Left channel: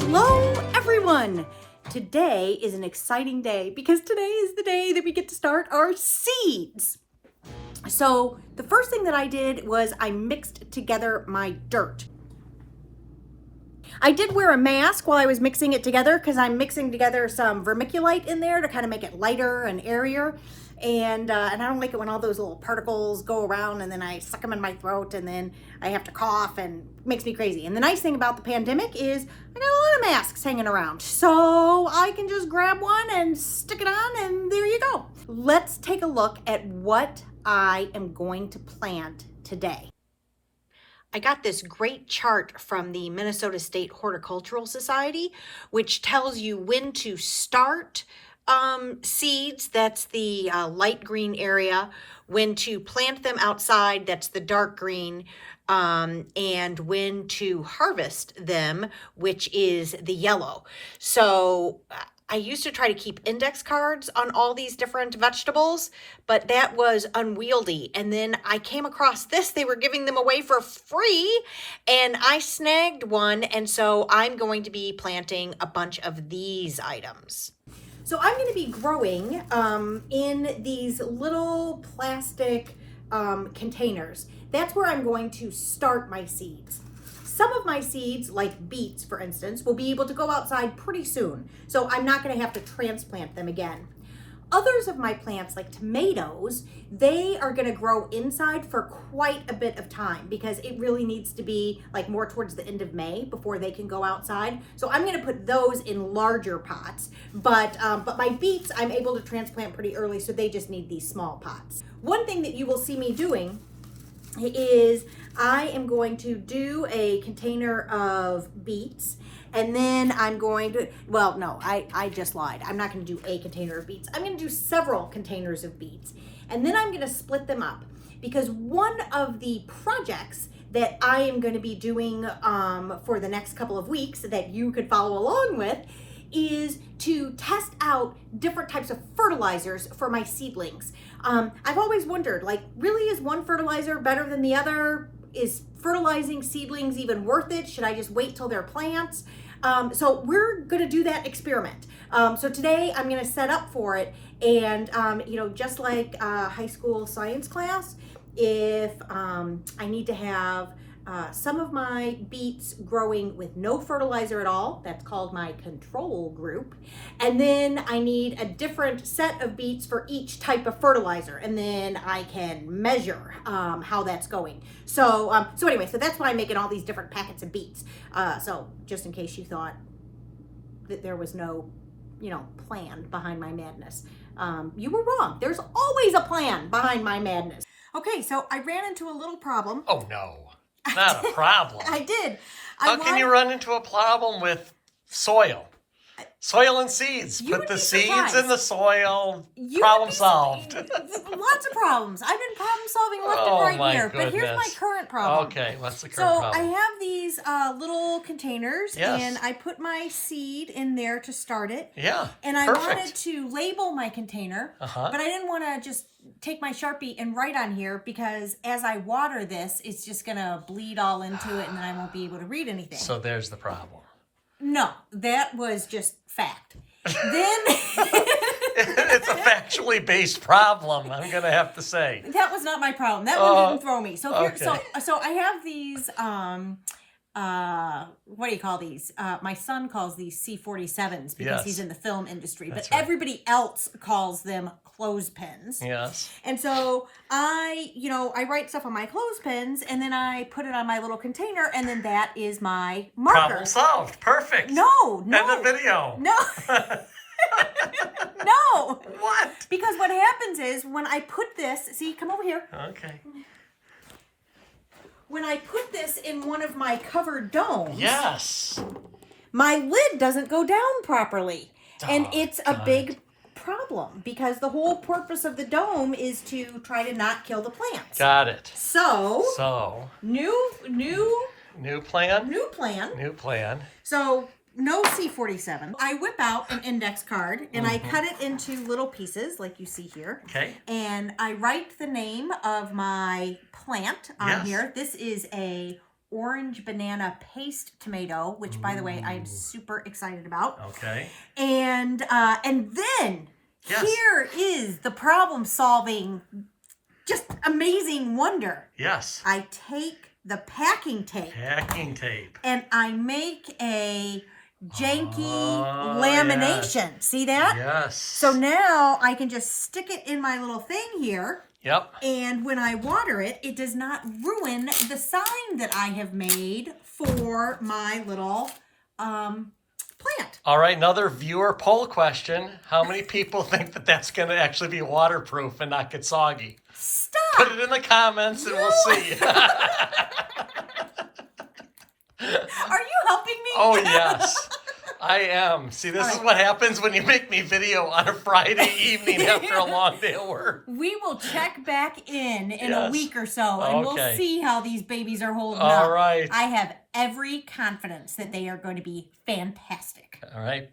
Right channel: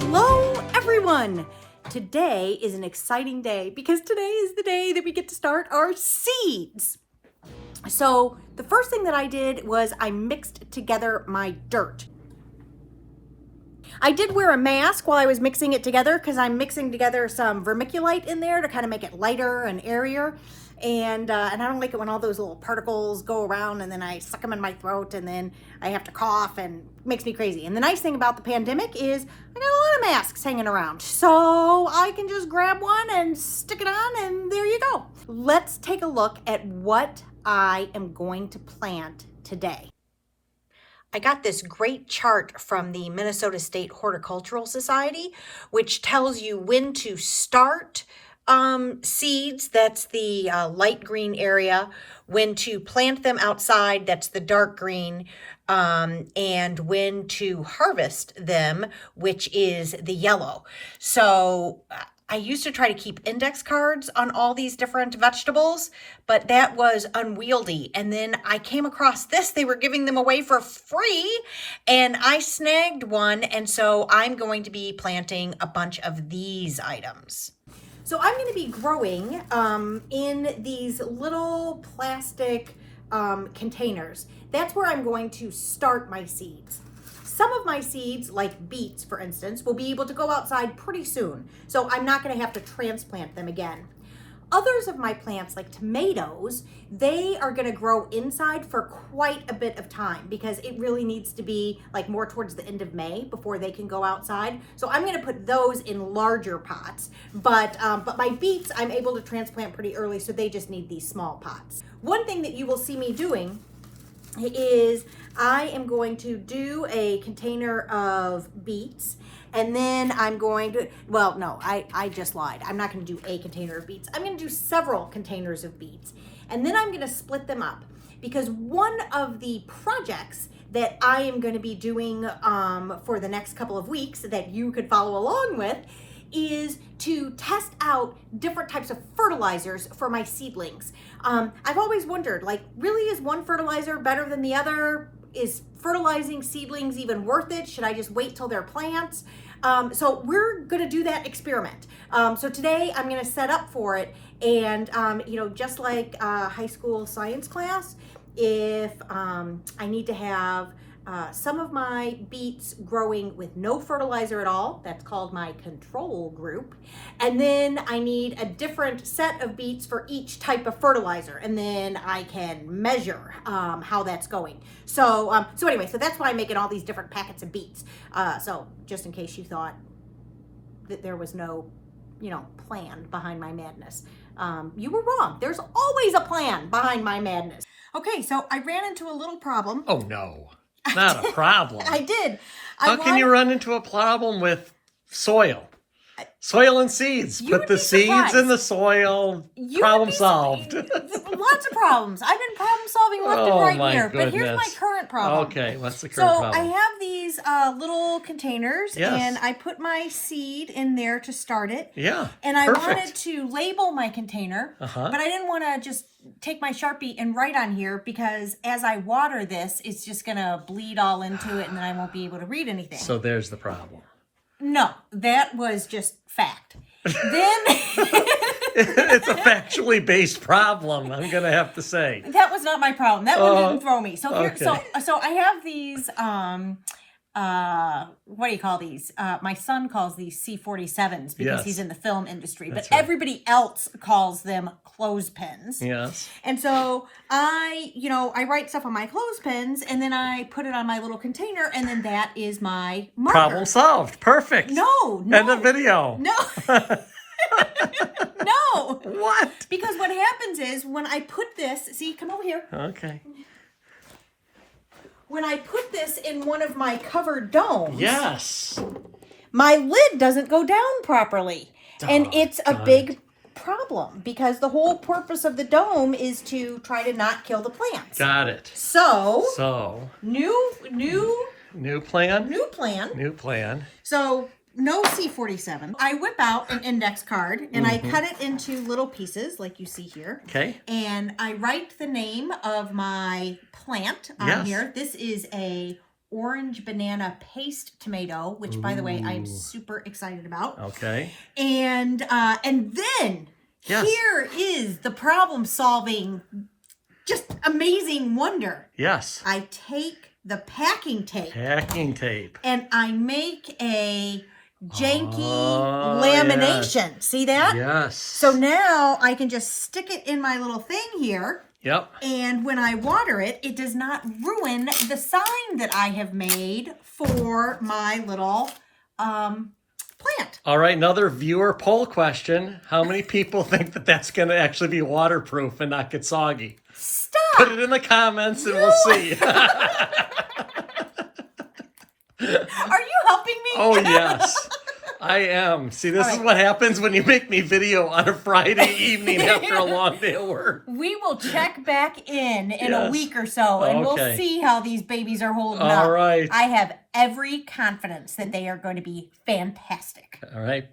Hello, everyone. Today is an exciting day because today is the day that we get to start our seeds. So the first thing that I did was I mixed together my dirt. I did wear a mask while I was mixing it together because I'm mixing together some vermiculite in there to kind of make it lighter and airier. And I don't like it when all those little particles go around and then I suck them in my throat and then I have to cough and it makes me crazy. And the nice thing about the pandemic is I got a lot of masks hanging around. So I can just grab one and stick it on and there you go. Let's take a look at what I am going to plant today. I got this great chart from the Minnesota State Horticultural Society, which tells you when to start seeds, that's the light green area, when to plant them outside, that's the dark green, and when to harvest them, which is the yellow. So I used to try to keep index cards on all these different vegetables, but that was unwieldy. And then I came across this. They were giving them away for free, and I snagged one. And so I'm going to be planting a bunch of these items. So I'm going to be growing in these little plastic containers. That's where I'm going to start my seeds. Some of my seeds, like beets, for instance, will be able to go outside pretty soon. So I'm not going to have to transplant them again. Others of my plants, like tomatoes, they are going to grow inside for quite a bit of time because it really needs to be like more towards the end of May before they can go outside. So I'm going to put those in larger pots. But my beets, I'm able to transplant pretty early, so they just need these small pots. One thing that you will see me doing is I am going to do a container of beets, and then I'm going to, well, no, I just lied. I'm not going to do a container of beets. I'm going to do several containers of beets, and then I'm going to split them up because one of the projects that I am going to be doing for the next couple of weeks that you could follow along with is to test out different types of fertilizers for my seedlings. I've always wondered, like, really, is one fertilizer better than the other? Is fertilizing seedlings even worth it? Should I just wait till they're plants? So we're going to do that experiment. So today I'm going to set up for it. And, just like high school science class, if I need to have some of my beets growing with no fertilizer at all, that's called my control group. And then I need a different set of beets for each type of fertilizer. And then I can measure how that's going. So anyway, so that's why I'm making all these different packets of beets. So just in case you thought that there was no, plan behind my madness. You were wrong. There's always a plan behind my madness. Okay, so I ran into a little problem. Oh, no. Not a problem. I did. How can you run into a problem with soil? Soil and seeds. Put the seeds in the soil. Problem solved. Lots of problems. I've been problem solving left and right here. Goodness. But here's my current problem. Okay, what's the current problem? So I have these little containers, and I put my seed in there to start it. Yeah, and I wanted to label my container, but I didn't want to just take my Sharpie and write on here because as I water this, it's just going to bleed all into it and then I won't be able to read anything. So there's the problem. No, that was just fact. Then it's a factually based problem, I'm going to have to say. That was not my problem. That one didn't throw me. So here, okay. so I have these what do you call these? My son calls these C-47s because he's in the film industry, but everybody else calls them clothespins. Yes. And so I write stuff on my clothespins and then I put it on my little container and then that is my marker. Problem solved. Perfect. No. End of video. No. No. What? Because what happens is when I put this, see, come over here. Okay. When I put this in one of my covered domes, my lid doesn't go down properly. And it's a big problem because the whole purpose of the dome is to try to not kill the plants. Got it. So new plan. So no C-47. I whip out an index card and I cut it into little pieces like you see here. Okay. And I write the name of my plant on here. This is a orange banana paste tomato, which by the way, I'm super excited about. Okay. And then here is the problem solving, just amazing wonder. Yes. I take the packing tape. And I make a janky lamination. Yes. See that? Yes. So now I can just stick it in my little thing here. Yep. And when I water it, it does not ruin the sign that I have made for my little plant. All right, another viewer poll question. How many people think that that's going to actually be waterproof and not get soggy? Stop! Put it in the comments and we'll see. Are you helping me? Oh, yes. I am. See, this is what happens when you make me video on a Friday evening after a long day of work. We will check back in a week or so, and we'll see how these babies are holding up. All right. I have every confidence that they are going to be fantastic. All right.